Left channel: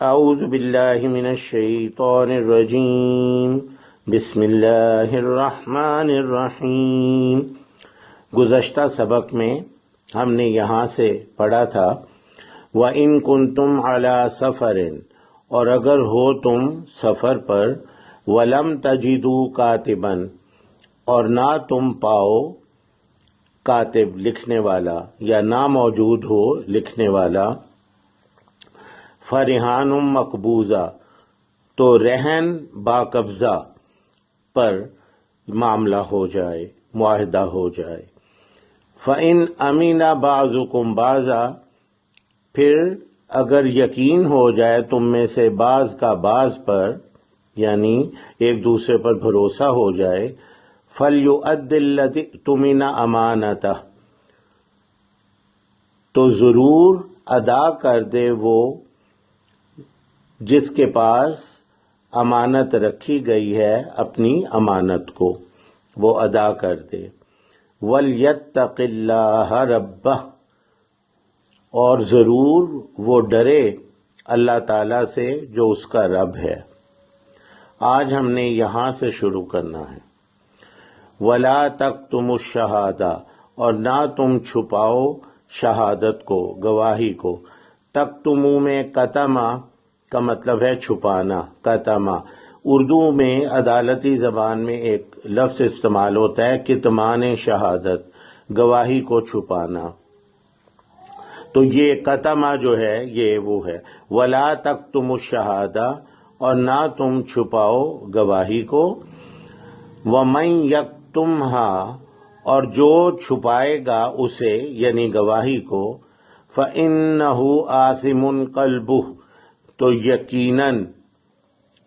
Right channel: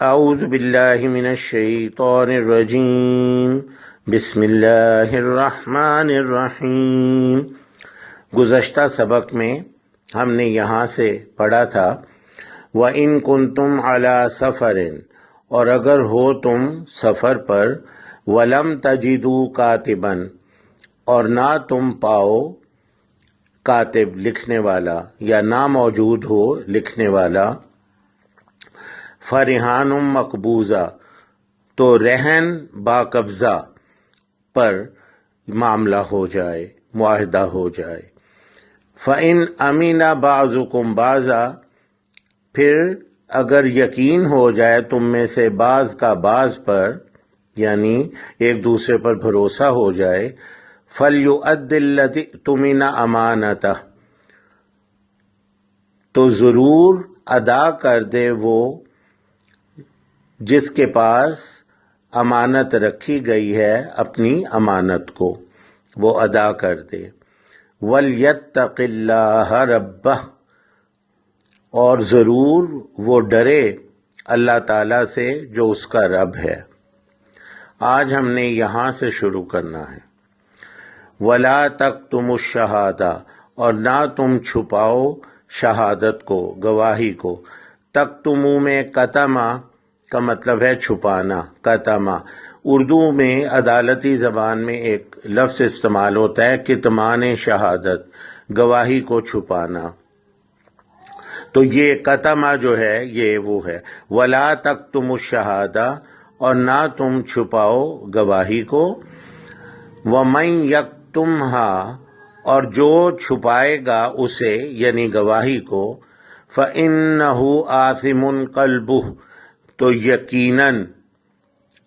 اعوذ باللہ من الشیطان الرجیم بسم اللہ الرحمن الرحیم۔ گزشتہ سبق میں ہم نے یہاں سے پڑھا تھا وَإِن كُنتُمْ عَلَى سَفَرٍ، اور اگر ہو تم سفر پر، وَلَمْ تَجِدُوا كَاتِبًا، اور نہ تم پاؤ کاتب لکھنے والا یا نہ موجود ہو لکھنے والا، فرحان مقبوضہ، تو رہن با قبضہ پر معاملہ ہو جائے، معاہدہ ہو جائے۔ فَإِنْ أَمِنَ بَعْضُكُمْ بَعْضًا، پھر اگر یقین ہو جائے تم میں سے بعض کا بعض پر، یعنی ایک دوسرے پر بھروسہ ہو جائے، فَلْيُؤَدِّ الَّذِي اؤْتُمِنَ أَمَانَتَهُ، تو ضرور ادا کر دے وہ جس کے پاس امانت رکھی گئی ہے اپنی امانت کو، وہ ادا کر دے۔ وَلْيَتَّقِ اللَّهَ رَبَّهُ، اور ضرور وہ ڈرے اللہ تعالیٰ سے جو اس کا رب ہے۔ آج ہم نے یہاں سے شروع کرنا ہے۔ وَلَا تَكْتُمُوا الشَّهَادَةَ، اور نہ تم چھپاؤ شہادت کو، گواہی کو۔ تکتمو میں کتما کا مطلب ہے چھپانا، کتما۔ اردو میں عدالتی زبان میں ایک لفظ استعمال ہوتا ہے کتمان شہادت، گواہی کو چھپانا۔ تو یہ کتما جو ہے یہ وہ ہے۔ وَلَا تَكْتُمُوا الشَّهَادَةَ، اور نہ تم چھپاؤ گواہی کو۔ وَمَن يَكْتُمْهَا، اور جو چھپائے گا اسے یعنی گواہی کو، فَإِنَّهُ آثِمٌ قَلْبُهُ، تو یقیناً،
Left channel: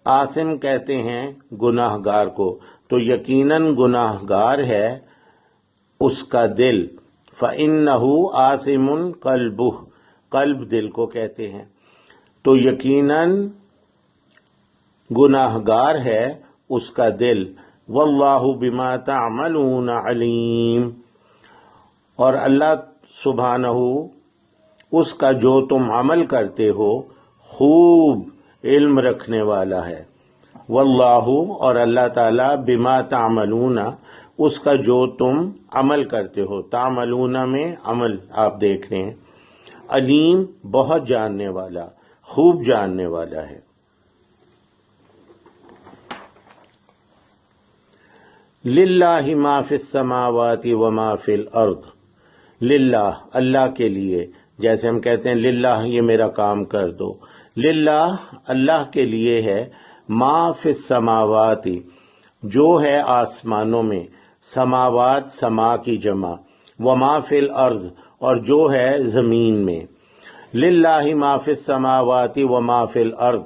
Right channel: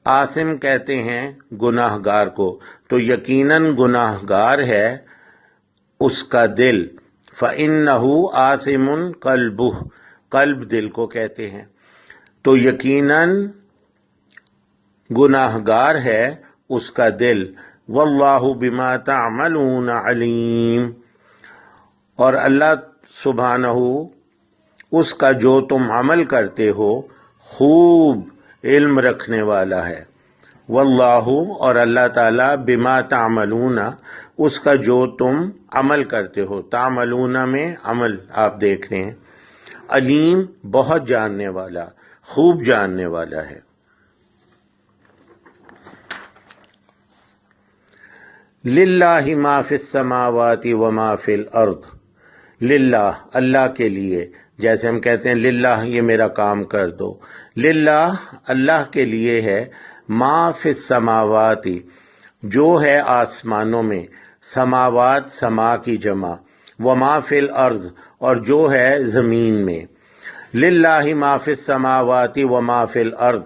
آثم کہتے ہیں گناہ گار کو، تو یقیناً گناہ گار ہے اس کا دل۔ فَإِنَّهُ آثِمٌ قَلْبُهُ، قلب دل کو کہتے ہیں، تو یقیناً گناہ گار ہے اس کا دل۔ وَاللَّهُ بِمَا تَعْمَلُونَ عَلِيمٌ، اور اللہ سبحانہ اس کا جو تم عمل کرتے ہو خوب علم رکھنے والا ہے۔ واللہ، اور اللہ تعالیٰ، بما تعملون، اس کا جو تم عمل کرتے ہو، تعملون میں عمل آپ دیکھ رہے ہیں، علیم بہت جاننے والا، خوب جاننے والا ہے۔ للہ ما فی السماوات وما فی الارض، للہ اللہ کے لیے، جیسے ہم کہتے ہیں للہ یہ میرا کام کر دو، للہ اللہ کے لیے ہے، ما فی السماوات جو ہے آسمانوں میں، سماوات سما کی جمع، وما فی الارض اور جو ہے زمین میں۔ للہ ما فی السماوات وما فی الارض،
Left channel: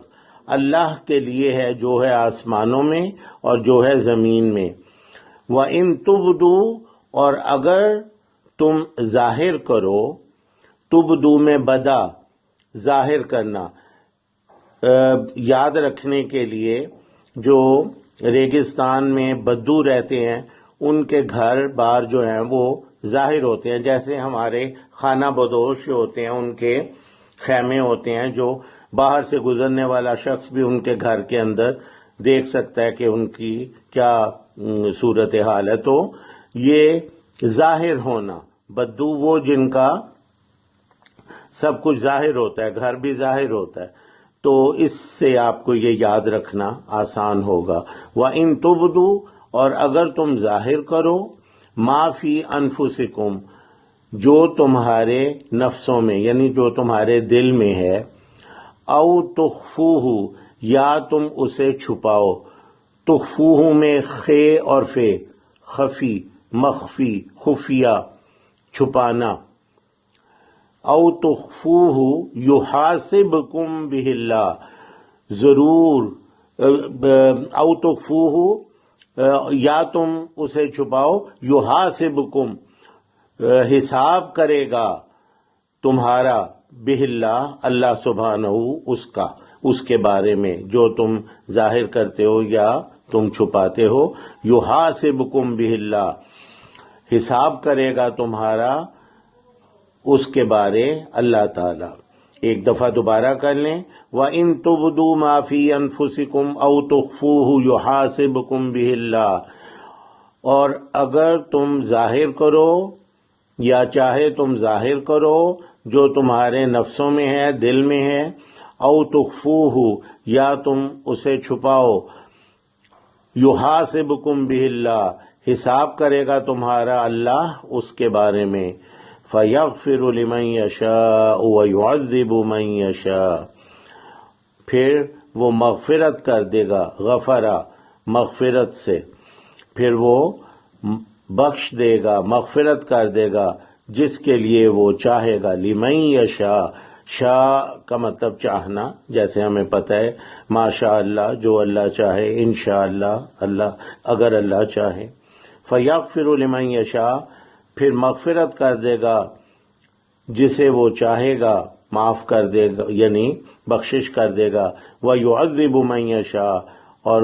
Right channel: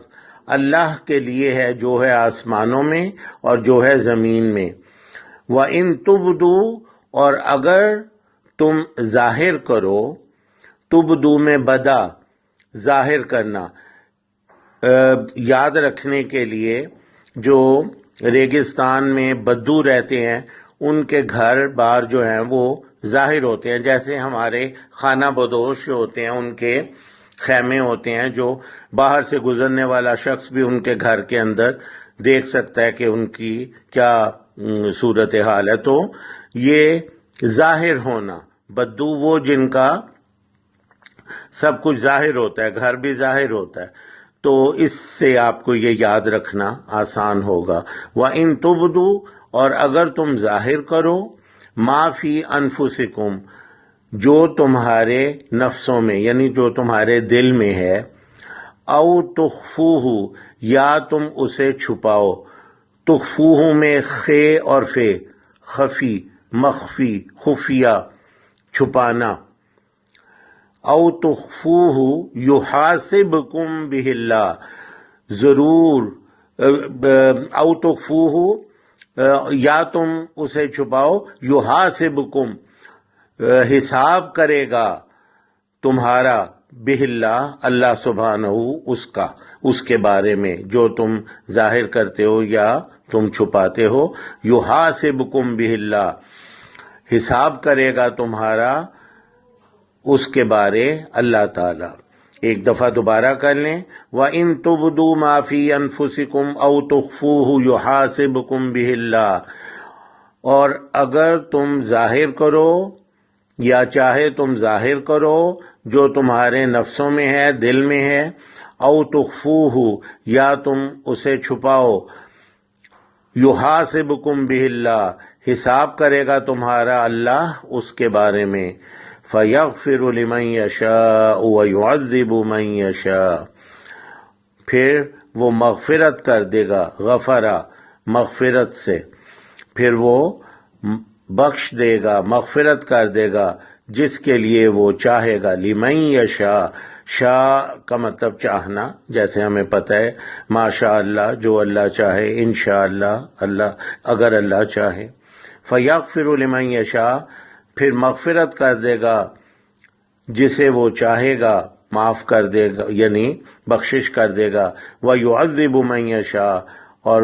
اللہ کے لیے ہے جو ہے آسمانوں میں اور جو ہے زمین میں۔ وَإِن تُبْدُوا، اور اگر تم ظاہر کرو، تبدو میں بدا، ظاہر کرنا، یاد رکھنے کے لیے جو ریگستان میں بدو رہتے ہیں ان کے گھر بار جو ہیں وہ ظاہر ہوتے ہیں، جیسے ہمارے خانہ بدوش جو ہوتے ہیں ان کے خیمے ہوتے ہیں، جو باہر سے گزرنے والا شخص بھی ان کے گھر کے اندر دیکھ سکتا ہے کہ ان کی کیا صورتحال ہے۔ تو یہ ظاہر ہونا، بدو وہ جن کا سب کچھ ظاہر ہوتا ہے، گھر بھی ظاہر ہوتا ہے، تو اس سے آپ کو یہ یاد رکھنا آسان ہوگا۔ وَإِن تُبْدُوا، اور اگر تم ظاہر کرو، مَا فِي أَنفُسِكُمْ، جو تمہارے نفسوں میں یعنی جو تمہارے دل میں ہے، اَوْ تُخْفُوهُ، یا تم اسے چھپاؤ، تخفوہ میں خے اور فے، خفی، مخفی، خفیہ، چھپانا۔ او تخفوہ یحاسبکم بہ اللہ، ضرور، او تخفوہ یا تم اسے چھپاؤ، یحاسبکم حساب کرے گا تمہارا، بہ اللہ اللہ سبحانہ اس کے بارے میں جو تم ظاہر کرتے ہو یا تم چھپاتے ہو، یحاسبکم بہ اللہ حساب کرے گا تمہارا اس کے بارے اللہ تعالی۔ ایک دفعہ دوبارہ کر لیں. وَإِن تُبْدُوا مَا فِي أَنفُسِكُمْ أَوْ تُخْفُوهُ يُحَاسِبْكُم بِهِ اللَّهُ، اور اگر تم ظاہر کرو یا چاہے تم ظاہر کرو جو تمہارے نفسوں میں ہے، دل میں ہے، او تخفوہ یا تم اسے چھپاؤ، یحاسبکم بہ اللہ حساب کرے گا تمہارا اللہ اس کے بارے میں. فیغفر لمن یشاء ویعذب من یشاء، پھر وہ مغفرت کر دے گا، غفرہ مغفرت سے، پھر وہ بخش دے گا، مغفرت کر دے گا جس کے لیے وہ چاہے گا. لمن یشاء، شاء کا مطلب چاہنا، جیسے ہمیں پتہ ہے ماشاء اللہ جو اللہ چاہے، انشاءاللہ اللہ اگر اللہ چاہے. فیغفر لمن یشاء، پھر مغفرت کر دے گا جسے وہ چاہے گا، معاف کر دے گا یعنی بخشش کر دے گا. ویعذب من یشاء، اور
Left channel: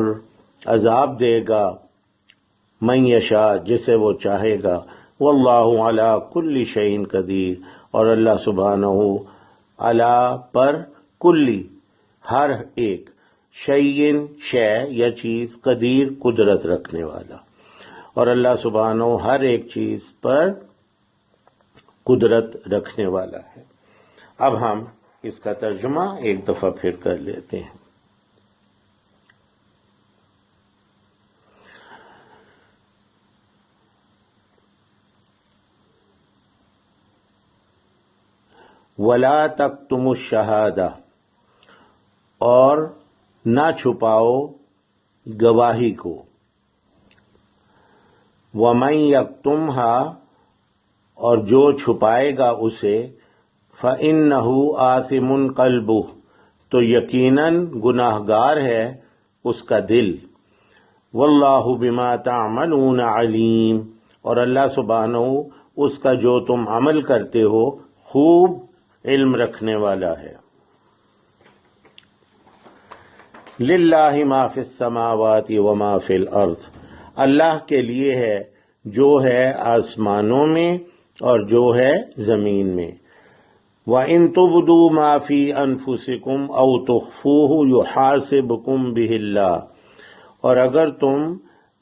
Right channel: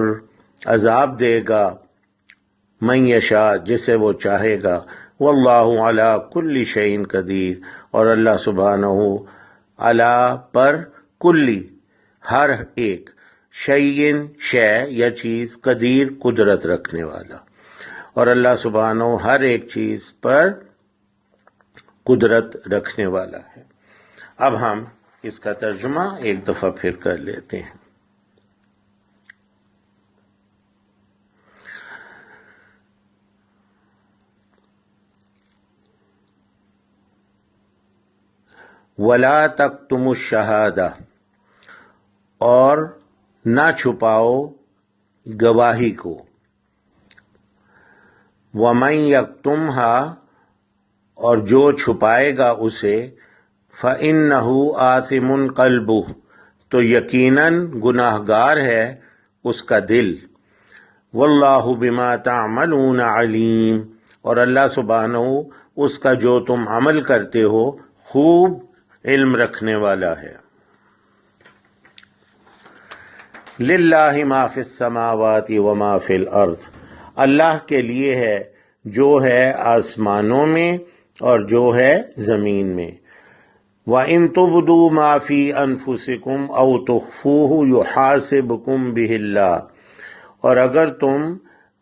عذاب دے گا من یشاء جسے وہ چاہے گا. واللہ علی کل شیء قدیر، اور اللہ سبحانہ علی پر کلی ہر ایک، شیء شے یا چیز، قدیر قدرت رکھنے والا، اور اللہ سبحانہ ہر ایک چیز پر قدرت رکھنے والا ہے. اب ہم اس کا ترجمہ ایک دفعہ پھر کر لیتے ہیں. وَلَا تَكْتُمُوا الشَّهَادَةَ، اور نہ چھپاؤ گواہی کو. وَمَن يَكْتُمْهَا، اور جو چھپائے گا اسے، فَإِنَّهُ آثِمٌ قَلْبُهُ، تو یقیناً گناہگار ہے اس کا دل. وَاللَّهُ بِمَا تَعْمَلُونَ عَلِيمٌ، اور اللہ سبحانہ اس کا جو تم عمل کرتے ہو خوب علم رکھنے والا ہے. للہ ما فی السماوات وما فی الارض، اللہ کے لیے ہے جو ہے آسمانوں میں اور جو ہے زمین میں. وَإِن تُبْدُوا مَا فِي أَنفُسِكُمْ أَوْ تُخْفُوهُ يُحَاسِبْكُم بِهِ اللَّهُ، اور اگر تم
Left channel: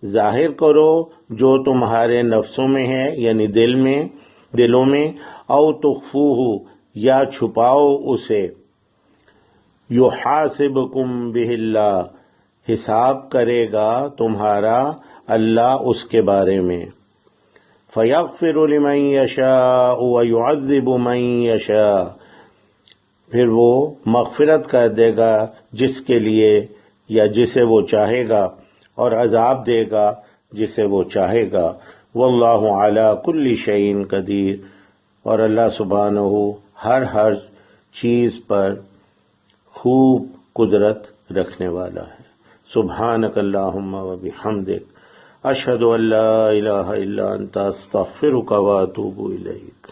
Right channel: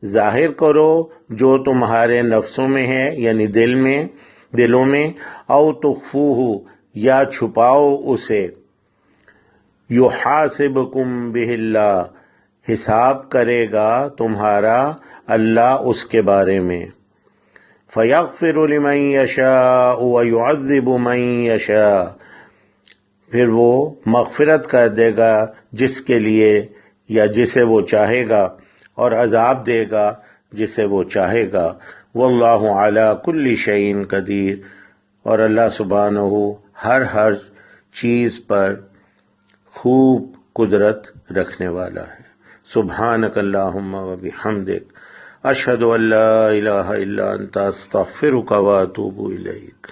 ظاہر کرو جو تمہارے نفسوں میں ہے یعنی دلوں میں، او تخفوہ یا چھپاؤ اسے، یحاسبکم بہ اللہ حساب کرے گا تمہارا اللہ اس کے بارے میں. فیغفر لمن یشاء ویعذب من یشاء، پھر وہ مغفرت کر دے گا جس کے لیے یا جسے وہ چاہے گا، اور عذاب دے گا جسے وہ چاہے گا. واللہ علی کل شیء قدیر، اور اللہ سبحانہ ہر چیز پر خوب قدرت رکھنے والا ہے. سبحانک اللہم و بحمدک، اشہد ان لا الہ الا انت، استغفرک و اتوب الیک.